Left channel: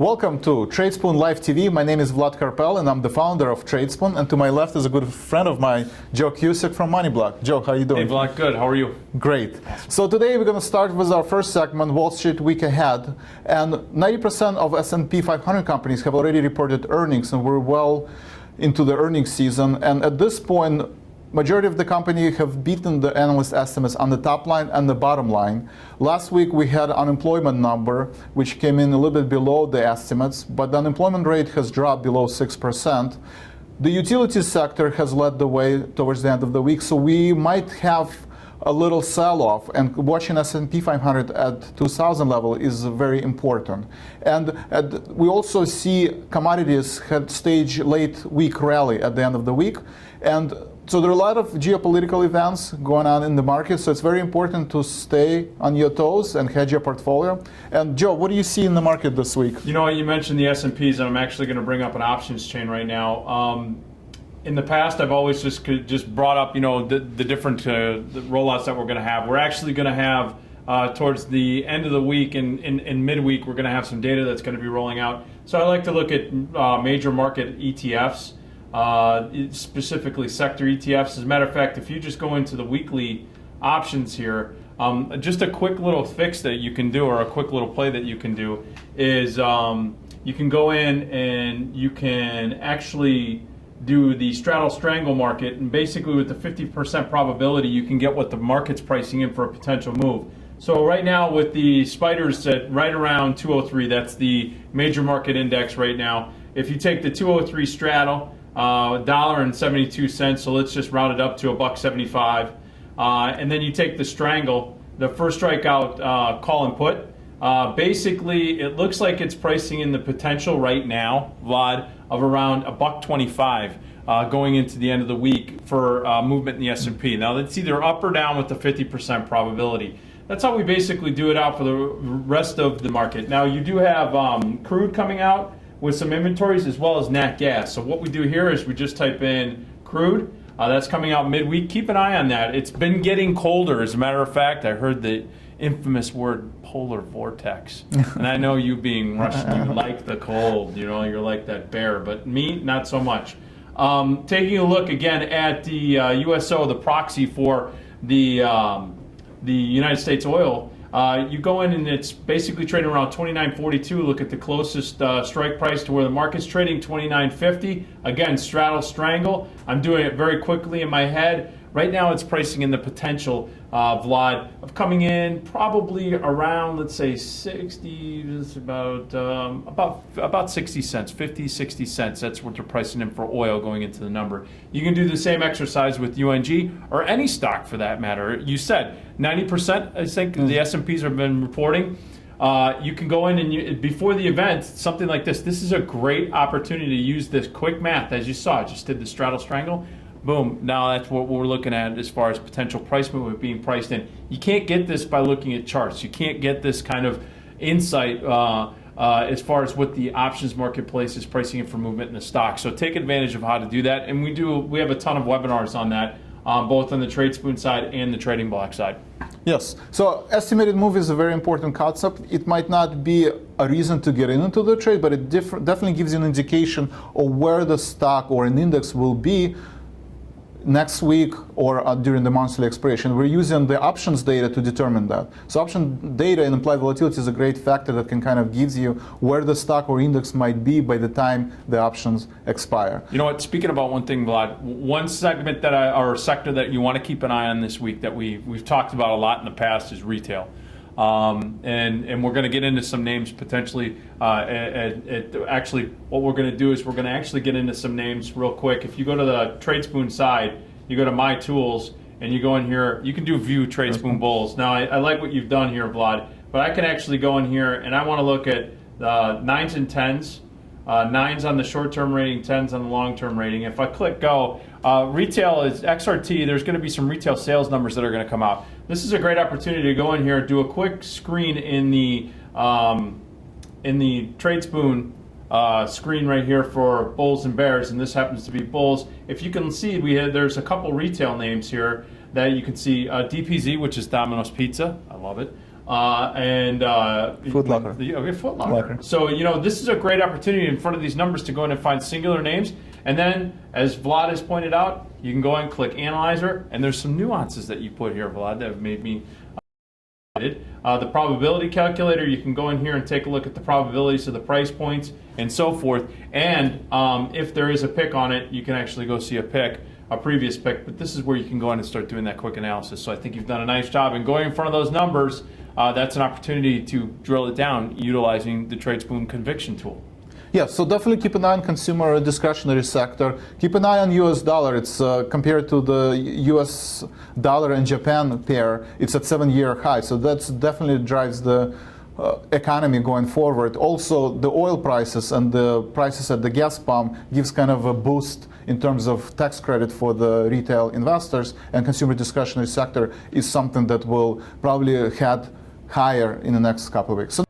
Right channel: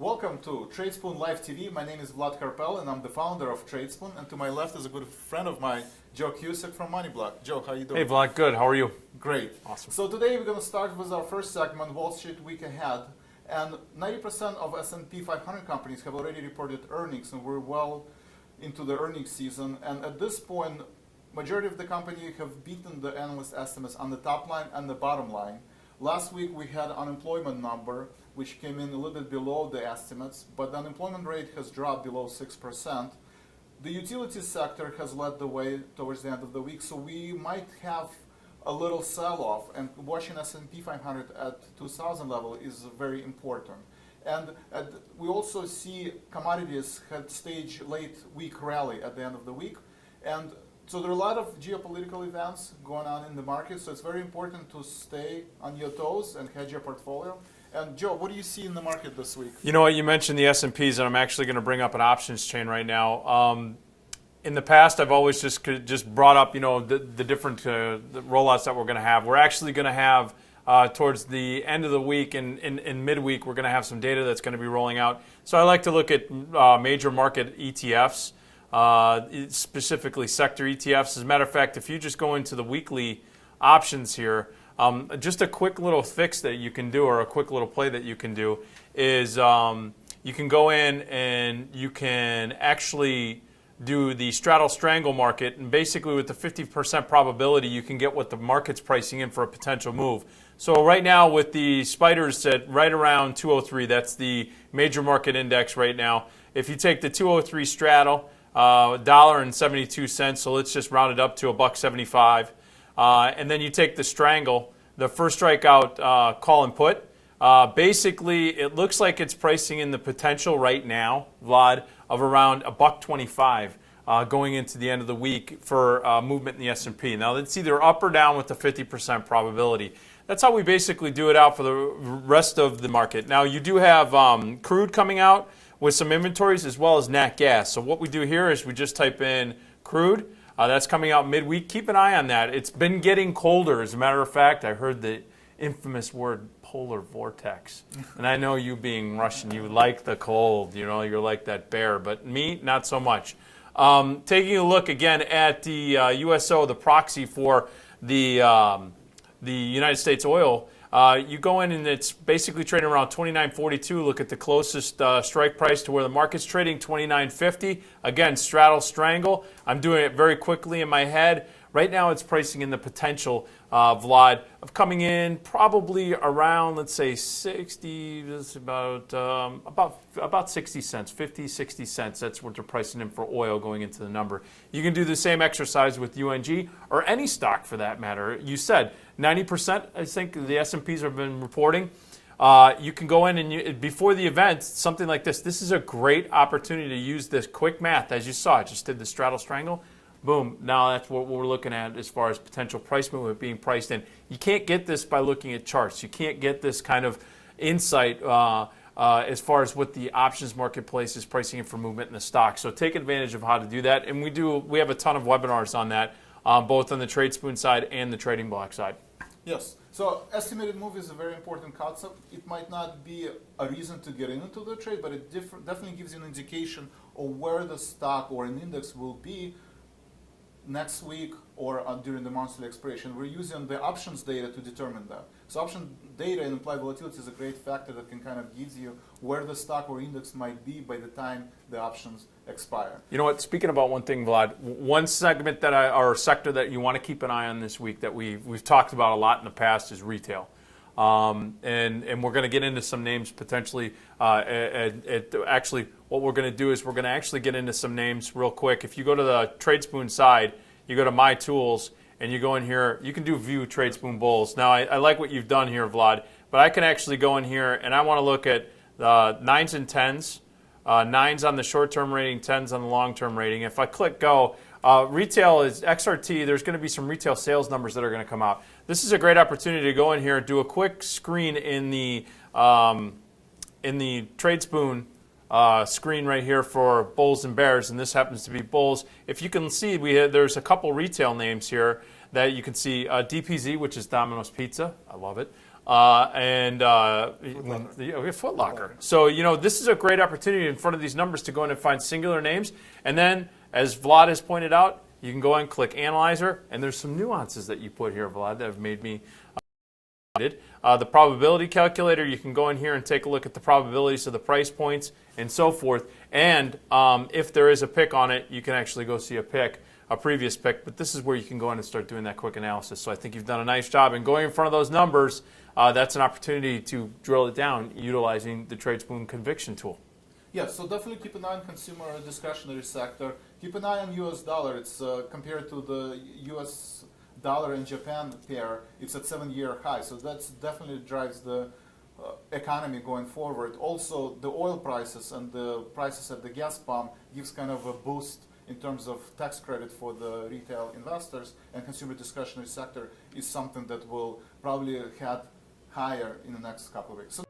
Welcome to Tradespoon Live TV. My name is Vlad Karpel, and I'm the founder of Tradespoon. And to my left is a good friend of mine, Joe Cusick from MoneyBlock. Joe, how are you doing? Hey, Vlad. Good. How are you? Great. Awesome. So today we're going to start with our first segment, Wall Street Week Ahead. And 90% of S&P 500 companies have already reported earnings, and we're well into the earnings season. And at this point, majority of the company have beaten the analyst estimates on the top line and the bottom line. Last week we had unemployment number, which came in a little bit below the estimates, but the unemployment rate has dropped below 6%. The utilities sector has led the way towards the end of the week, so we might have a little sell-off, and watching S&P 500 at 2,000 level is very important. And we also see commodities had staged late week rally at the end of the week, and so there are a lot of geopolitical events going on in the market, so it's very important to stay on your toes and hedge your portfolio. And Joe, what do you see in the market this week? You know what, you mentioned the S&Ps, and I'm actually going to bring up an options chain right now. In the past, I've always just brought up, the different the rollouts that we're going to have. We're actually going to have, towards the end of the week and in midweek, we're going to have some data that's going to be rolling out. So I like to look at major market ETFs. Specifically sector ETFs. As a matter of fact, if you just go into the weekly options here, just a quick little fix that you can do, or a quick little play that you can do, is you can go in and you can actually do the straddle strangle market, and basically with the 50% probability you can get what the market's pricing in for a potential move. So right now with the spiders at right around 203, that's the major market index right now. If you take the 203 straddle, $1.72, so let's just round it up to $1.75. And then you take the strangle, the first strike out call and put. Basically, it looks like it's pricing in the potential right now, Vlad, of around $1.25 going into the end of the week for movement in the S&P. Now, that's either up or down with the 50% probability. That's how we basically do it out for the rest of the market. Now, you do have crude coming out with some inventories, as well as nat gas. So what we do here is we just type in crude. That's coming out midweek. Keep an eye on that. It's been getting colder. As a matter of fact, I heard the infamous word polar vortex. And I know you being Russian, you like the cold. You're like that bear. But me, not so much. Taking a look again at the USO, the proxy for the United States oil. You go in and it's basically trading around 29.42. Look at the closest strike price to where the market's trading, 29.50. Again, straddle strangle. I'm doing it very quickly in my head. Right now it's pricing in the potential, Vlad, of coming in probably around, let's say 60, this is about 60 cents, 50, 60 cents. That's what they're pricing in for oil going into the number. You can do the same exercise with UNG or any stock for that matter. You said 90%, I think the S&Ps have been reporting. You can go in and before the event, something like this is a great opportunity to use this quick math. As you saw, I just did the straddle strangle. Boom, now that's what we're looking at as far as potential price movement being priced in. You can't get this by looking at charts. You can't get this kind of insight as far as what the options marketplace is pricing in for movement in the stock. So take advantage of how to do that. And we have a ton of webinars on that, both on the Tradespoon side and the Trading Block side. Yes. So estimated move is a very important concept. It might not be a reason to get into the trade, but it definitely gives you an indication of where the stock or an index will be next week or during the monthly expiration. We're using the options data to determine that. So option data and implied volatility is a great factor that can kind of gives you where the stock or index might be by the time the options expire. You know what, speaking about one thing, Vlad, one segment or sector that you want to keep an eye on this week that we've talked about a lot in the past is retail. And we're going to get into some names potentially. Actually, what we're going to do is we're going to actually get into some names real quick. If you go to the Tradespoon side, you go to My Tools, and you go in here, you can do View Tradespoon Bulls. Now, I like what you've done here, Vlad, but I can actually go in here, and I want to look at the 9s and 10s, 9s on the short-term rating, 10s on the long-term rating. If I click Go, retail is XRT. There's going to be some retail sales numbers that are going to come out. This is a great opportunity to go in here and do a quick screen in the Tradespoon screen right here for bulls and bears, and this happens to be bulls. If you can see, there's a couple retail names here that you can see. DPZ, which is Domino's Pizza, I love it, and Foot Locker. Okay, Foot Locker. So this is a great opportunity in front of these numbers to go in and find singular names, and then as Vlad has pointed out, you can go and click Analyzer, and there's some nuances that you put here, Vlad, that have made me. The probability calculator, you can go in here and take a look at the probabilities of the price points and so forth. And if there is a pick on it, you can actually go see a previous pick. But this is where you can go in and start doing that quick analysis. So I think you've done a nice job. And going in front of those numbers, that's an opportunity to drill it down utilizing the Tradespoon conviction tool. Yeah, so definitely keep an eye on consumer discretionary sector. Keep an eye on US dollar. It's compared to the US dollar and Japan pair, it's at 7-year high. So that's definitely drives the economy going forward. Also, the oil prices and the prices at the gas pump gives kind of a boost in terms of tax credit for the retail investors, and consumer discretionary sector is something that will probably head higher in the next couple of weeks. So